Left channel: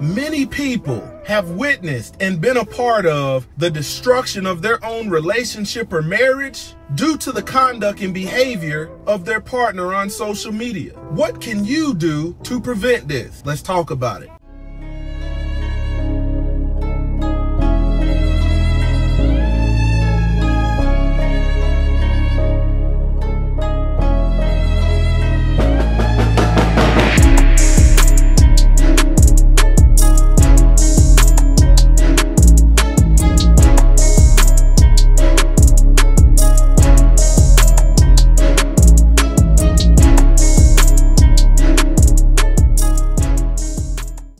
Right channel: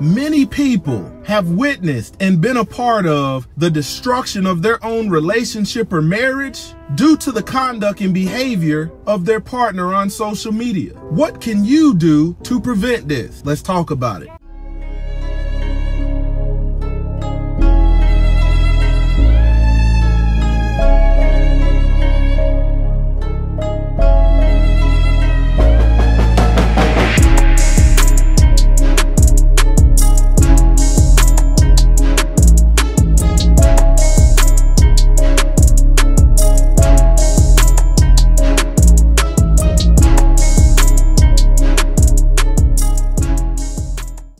Many people have witnessed and been a part of the destruction of their own relationship or marriage due to the conduct and behavior of their partner on social media. What can you do to prevent this? Let's talk about it.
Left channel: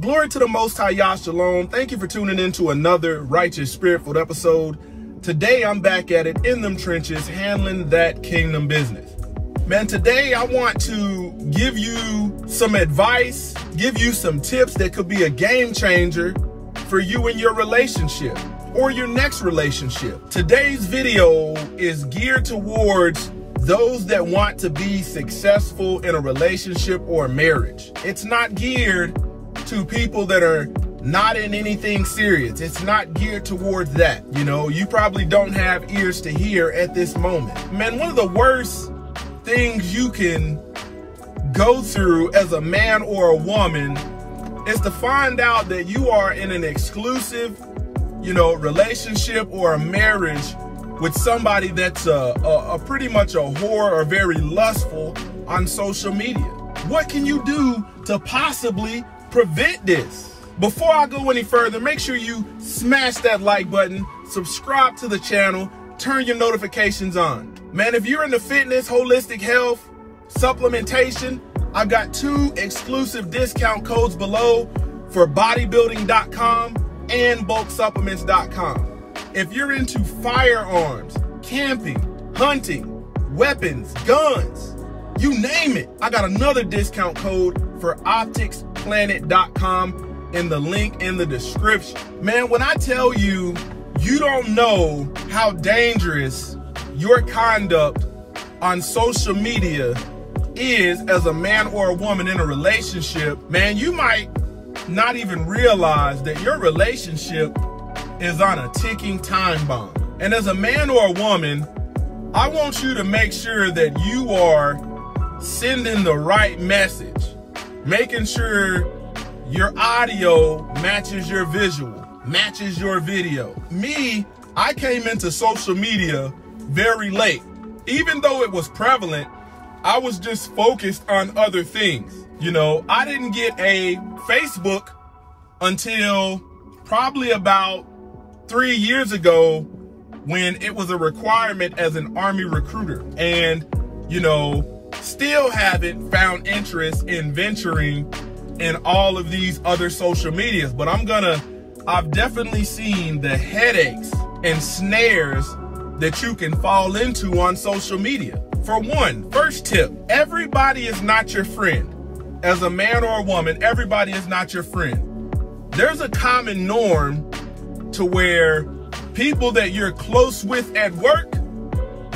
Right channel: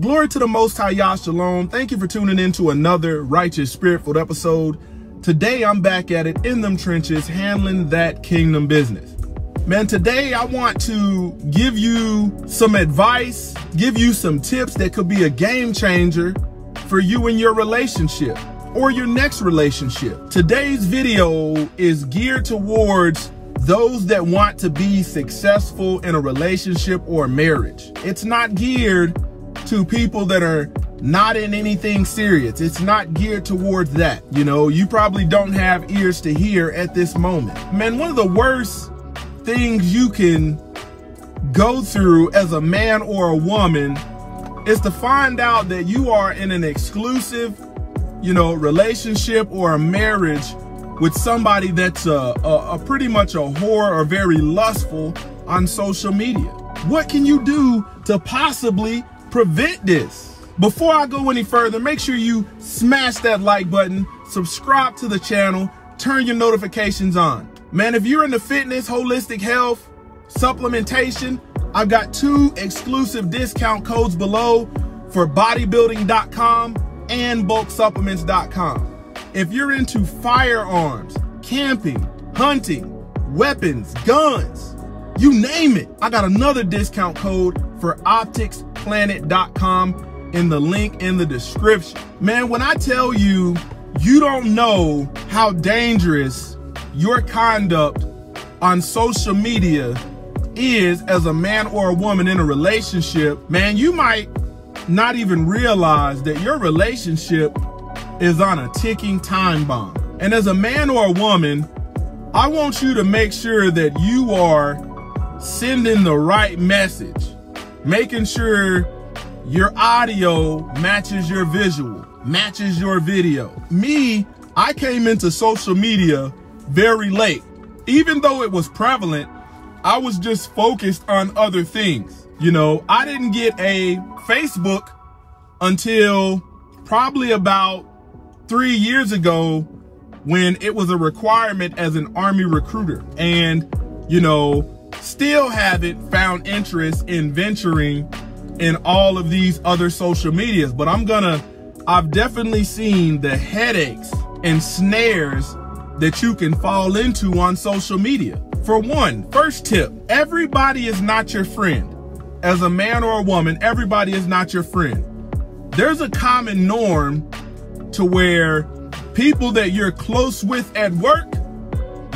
Glory to the Most High, Yah Shalom. Thank you for tuning in to another Righteous Spirit-filled episode. Today, I'm back at it in them trenches, handling that kingdom business. Man, today I want to give you some advice, give you some tips that could be a game changer for you in your relationship or your next relationship. Today's video is geared towards those that want to be successful in a relationship or marriage. It's not geared to people that are not in anything serious. It's not geared towards that. You know, you probably don't have ears to hear at this moment. Man, one of the worst things you can go through as a man or a woman is to find out that you are in an exclusive, relationship or a marriage with somebody that's a pretty much a whore or very lustful on social media. What can you do to possibly prevent this? Before I go any further, make sure you smash that like button, subscribe to the channel, turn your notifications on. Man, if you're into fitness, holistic health, supplementation, I've got 2 exclusive discount codes below for bodybuilding.com and bulksupplements.com. If you're into firearms, camping, hunting, weapons, guns, you name it, I got another discount code for opticsplanet.com in the link in the description. Man, when I tell you, you don't know how dangerous your conduct on social media is as a man or a woman in a relationship, man, you might not even realize that your relationship is on a ticking time bomb. And as a man or a woman, I want you to make sure that you are sending the right message, making sure your audio matches your visual, matches your video. Me, I came into social media very late. Even though it was prevalent, I was just focused on other things. I didn't get a Facebook until probably about 3 years ago when it was a requirement as an Army recruiter. And, still haven't found interest in venturing in all of these other social medias, but I've definitely seen the headaches and snares that you can fall into on social media. For one, first tip, everybody is not your friend. As a man or a woman, everybody is not your friend. There's a common norm to where people that you're close with at work,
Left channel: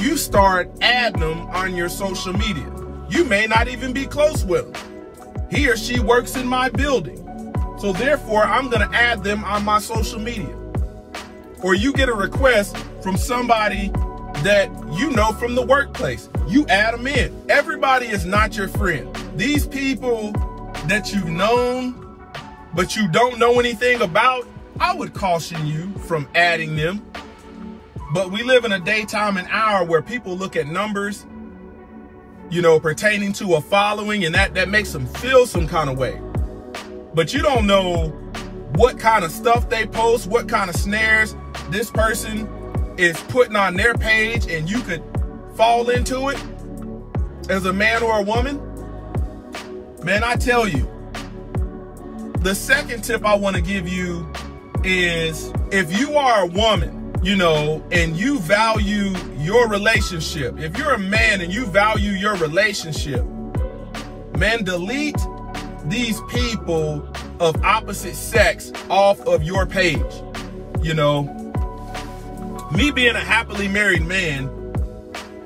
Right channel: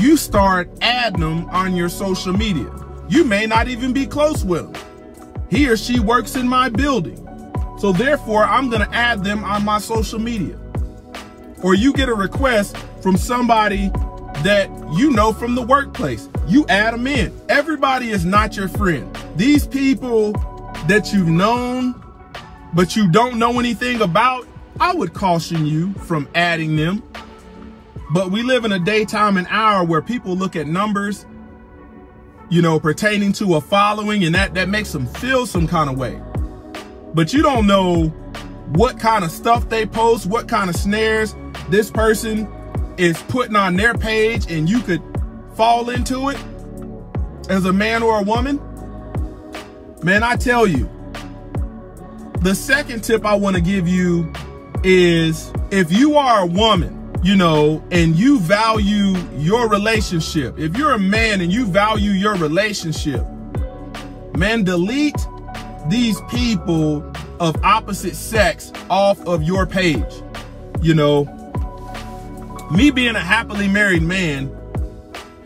you start adding them on your social media. You may not even be close with them. He or she works in my building, so therefore I'm gonna add them on my social media. Or you get a request from somebody that you know from the workplace, you add them in. Everybody is not your friend. These people that you've known, but you don't know anything about, I would caution you from adding them. But we live in a daytime and hour where people look at numbers, pertaining to a following, and that makes them feel some kind of way. But you don't know what kind of stuff they post, what kind of snares this person is putting on their page, and you could fall into it as a man or a woman. Man, I tell you, the second tip I want to give you is, if you are a woman, and you value your relationship, if you're a man and you value your relationship, man, delete these people of opposite sex off of your page. Me being a happily married man,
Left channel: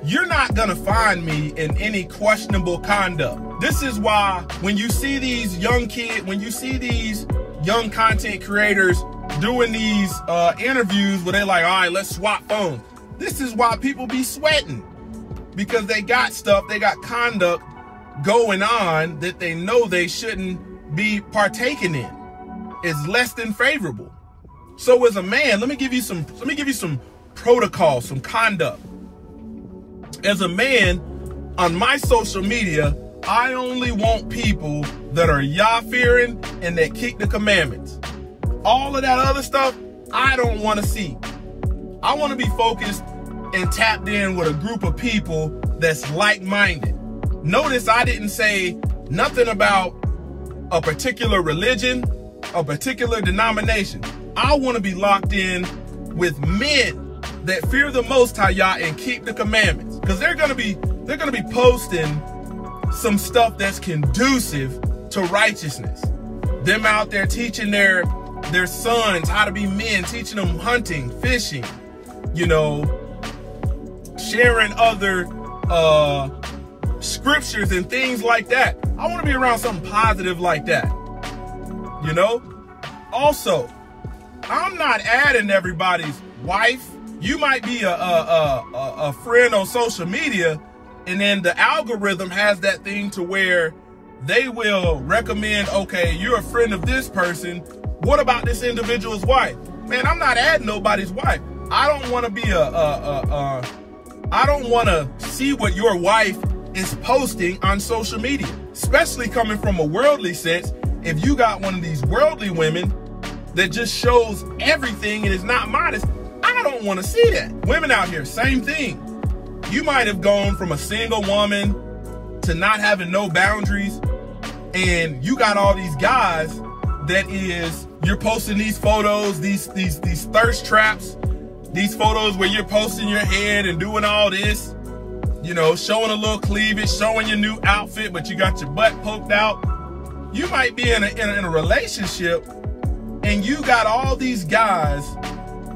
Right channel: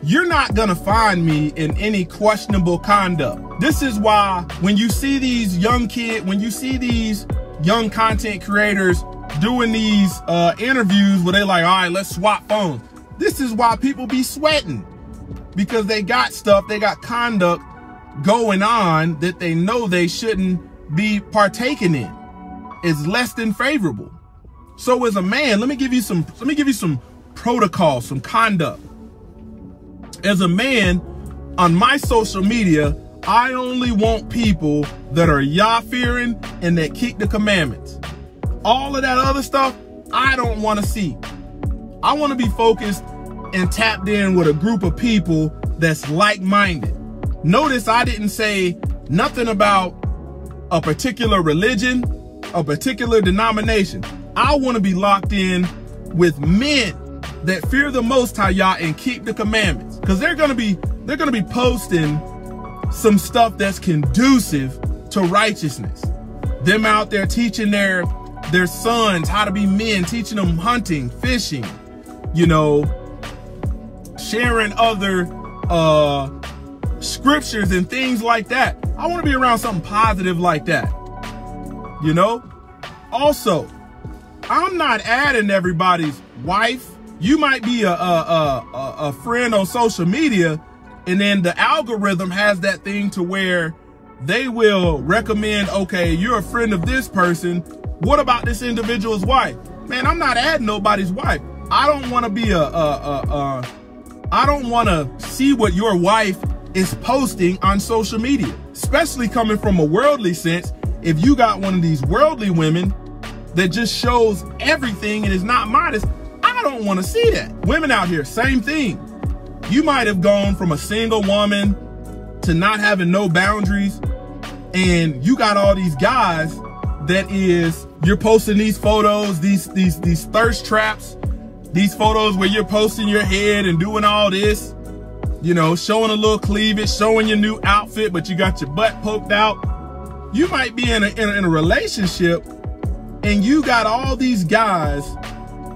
you're not gonna find me in any questionable conduct. This is why when you see these young kids, when you see these young content creators doing these interviews where they're like, all right, let's swap phones. This is why people be sweating, because they got stuff, they got conduct going on that they know they shouldn't be partaking in. It's less than favorable. So as a man, let me give you some protocol, some conduct. As a man, on my social media, I only want people that are Yah-fearing and that keep the commandments. All of that other stuff, I don't want to see. I want to be focused and tapped in with a group of people that's like-minded. Notice I didn't say nothing about a particular religion, a particular denomination. I want to be locked in with men that fear the Most High Yah and keep the commandments, because they're gonna be posting some stuff that's conducive to righteousness. Them out there teaching their sons how to be men, teaching them hunting, fishing, you know, sharing other scriptures and things like that. I want to be around something positive like that, you know. Also, I'm not adding everybody's wife. You might be a friend on social media, and then the algorithm has that thing to where they will recommend, okay, you're a friend of this person. What about this individual's wife? Man, I'm not adding nobody's wife. I don't want to be I don't want to see what your wife is posting on social media, especially coming from a worldly sense. If you got one of these worldly women that just shows everything and is not modest, I don't want to see that. Women out here, same thing. You might have gone from a single woman to not having no boundaries, and you got all these guys that you're posting these photos, these thirst traps, these photos where you're posting your head and doing all this, you know, showing a little cleavage, showing your new outfit, but you got your butt poked out. You might be in a relationship, and you got all these guys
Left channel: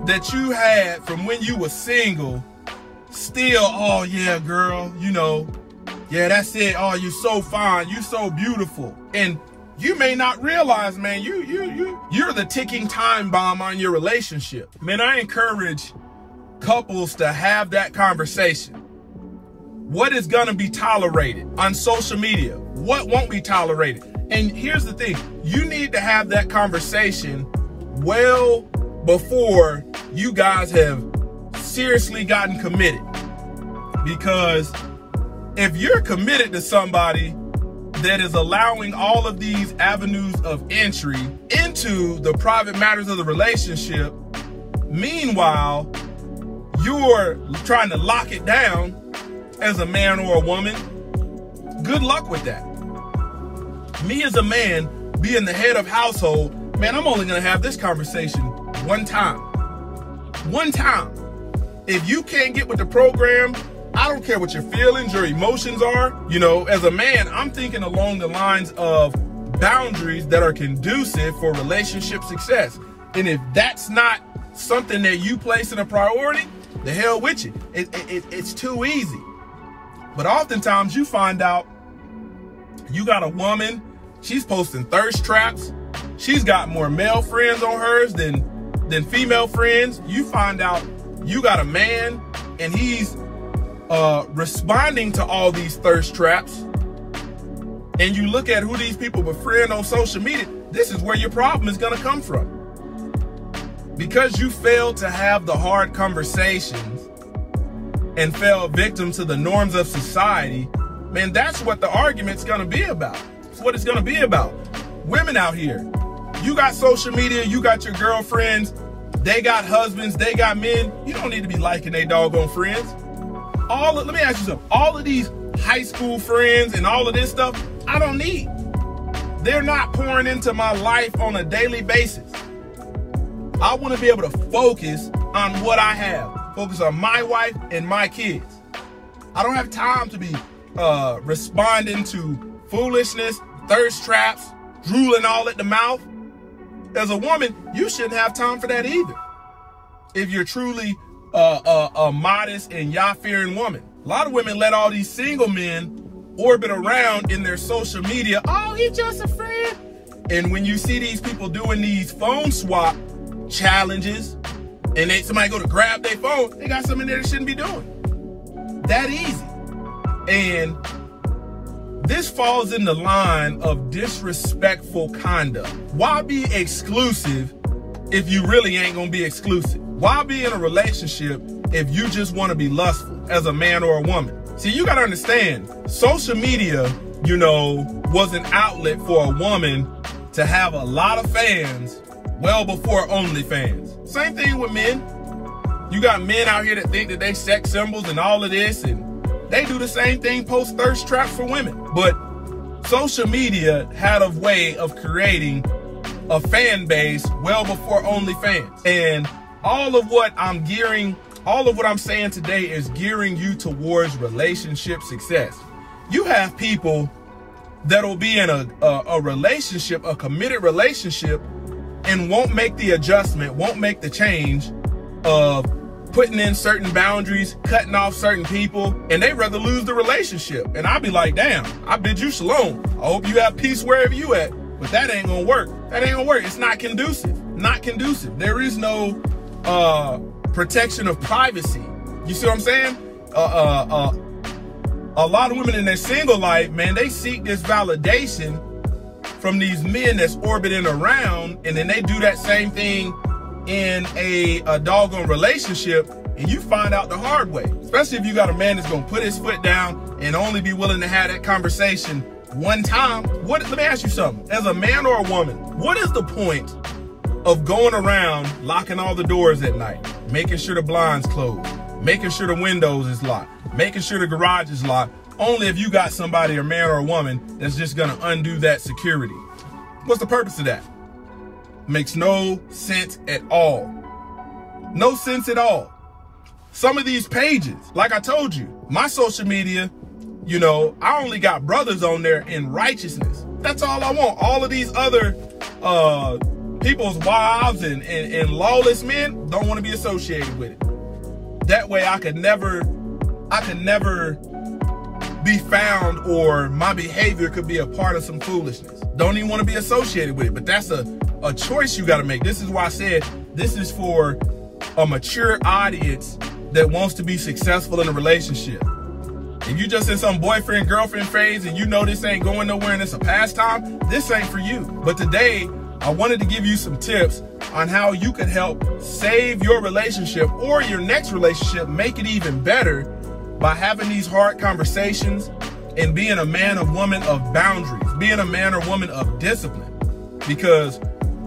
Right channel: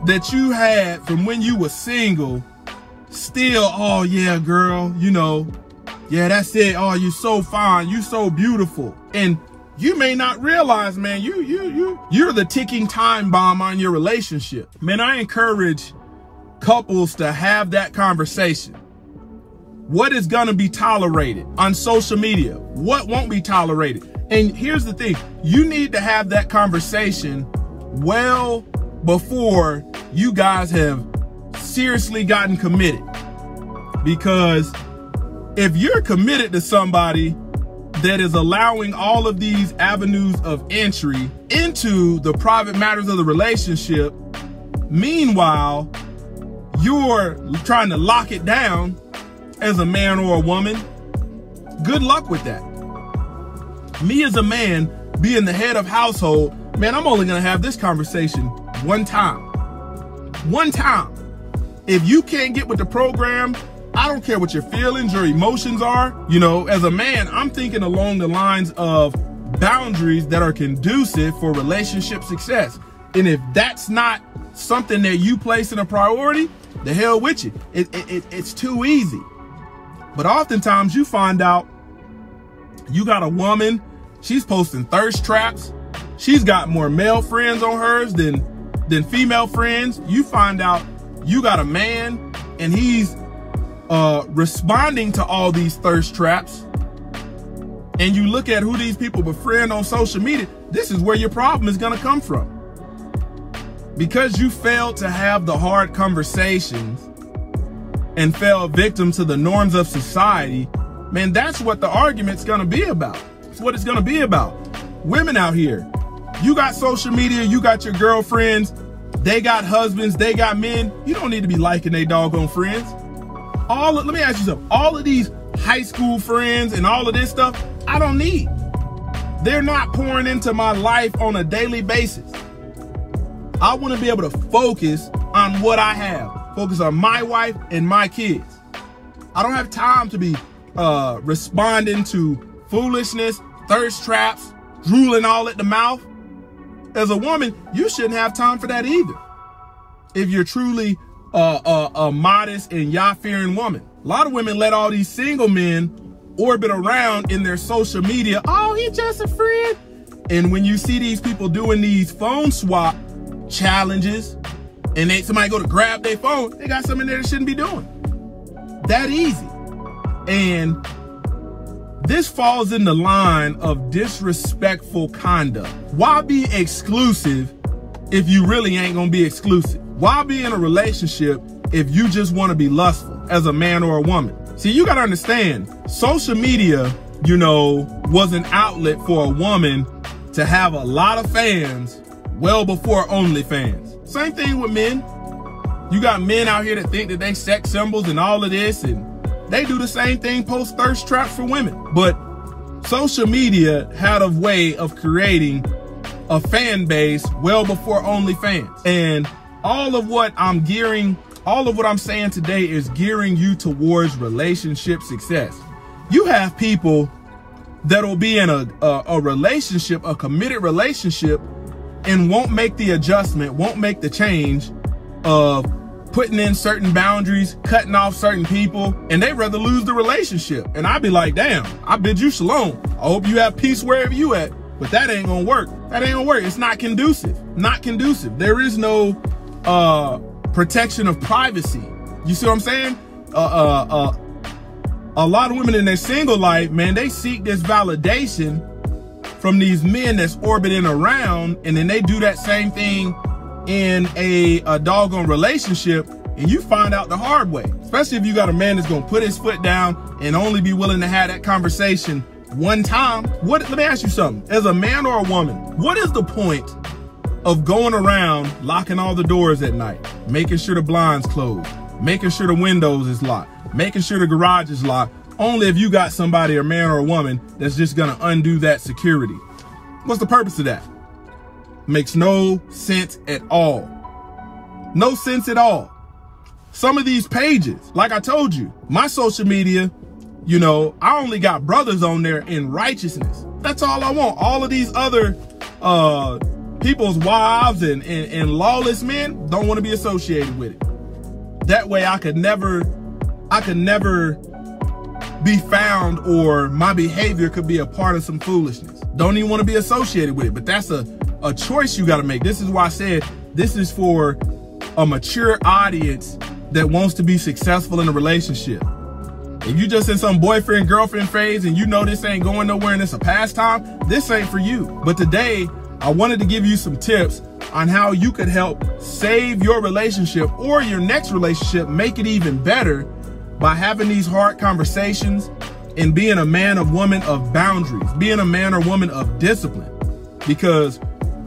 that you had from when you were single still, oh yeah, girl, you know, yeah, that's it. Oh, you so fine, you so beautiful. And you may not realize, man, you're the ticking time bomb on your relationship. Man, I encourage couples to have that conversation. What is gonna be tolerated on social media? What won't be tolerated? And here's the thing, you need to have that conversation well before you guys have seriously gotten committed. Because if you're committed to somebody that is allowing all of these avenues of entry into the private matters of the relationship, meanwhile, you're trying to lock it down as a man or a woman, good luck with that. Me as a man, being the head of household, man, I'm only gonna have this conversation one time. One time. If you can't get with the program, I don't care what your feelings or emotions are. You know, as a man, I'm thinking along the lines of boundaries that are conducive for relationship success. And if that's not something that you place in a priority, the hell with you. It's too easy. But oftentimes you find out you got a woman, she's posting thirst traps. She's got more male friends on hers than female friends. You find out you got a man and he's responding to all these thirst traps, and you look at who these people befriend on social media, this is where your problem is gonna come from. Because you failed to have the hard conversations and fell victim to the norms of society, man, that's what the argument's gonna be about. That's what it's gonna be about. Women out here, you got social media, you got your girlfriends, they got husbands, they got men. You don't need to be liking they doggone friends. Let me ask you something. All of these high school friends and all of this stuff, I don't need. They're not pouring into my life on a daily basis. I want to be able to focus on what I have. Focus on my wife and my kids. I don't have time to be responding to foolishness, thirst traps, drooling all at the mouth. As a woman, you shouldn't have time for that either. If you're truly a modest and Yah-fearing woman. A lot of women let all these single men orbit around in their social media. Oh, he's just a friend. And when you see these people doing these phone swap challenges, and somebody go to grab their phone, they got something there they shouldn't be doing. That easy. And this falls in the line of disrespectful conduct. Why be exclusive if you really ain't gonna be exclusive? Why be in a relationship if you just wanna be lustful as a man or a woman? See, you gotta understand, social media, you know, was an outlet for a woman to have a lot of fans well before OnlyFans. Same thing with men. You got men out here that think that they sex symbols and all of this, and they do the same thing, post thirst traps for women. But social media had a way of creating a fan base well before OnlyFans. And all of what I'm saying today is gearing you towards relationship success. You have people that'll be in a relationship, a committed relationship, and won't make the adjustment, won't make the change of putting in certain boundaries, cutting off certain people, and they rather lose the relationship. And I'll be like, damn, I bid you shalom. I hope you have peace wherever you at, but that ain't gonna work. That ain't gonna work. It's not conducive, not conducive. There is no protection of privacy. You see what I'm saying? A lot of women in their single life, man, they seek this validation from these men that's orbiting around, and then they do that same thing in a doggone relationship, and you find out the hard way. Especially if you got a man that's gonna put his foot down and only be willing to have that conversation one time. Let me ask you something. As a man or a woman, what is the point of going around locking all the doors at night, making sure the blinds closed, making sure the windows is locked, making sure the garage is locked, only if you got somebody, a man or a woman, that's just gonna undo that security? What's the purpose of that? Makes no sense at all. No sense at all. Some of these pages, like I told you, my social media, you know, I only got brothers on there in righteousness. That's all I want. All of these other people's wives and lawless men don't want to be associated with it. That way I could never be found, or my behavior could be a part of some foolishness. Don't even want to be associated with it. But that's a choice you got to make. This is why I said this is for a mature audience that wants to be successful in a relationship. If you just in some boyfriend, girlfriend phase and you know this ain't going nowhere and it's a pastime, this ain't for you. But today, I wanted to give you some tips on how you could help save your relationship or your next relationship, make it even better by having these hard conversations and being a man or woman of boundaries, being a man or woman of discipline. Because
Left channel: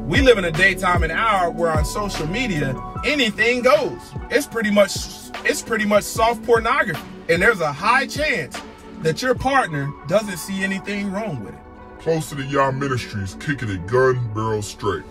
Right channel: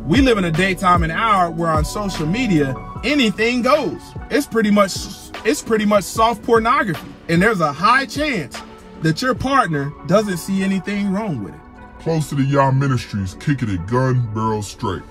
we live in a daytime and hour where on social media, anything goes. It's pretty much soft pornography. And there's a high chance that your partner doesn't see anything wrong with it. Closer to Y'all Ministries, kicking it gun barrel straight.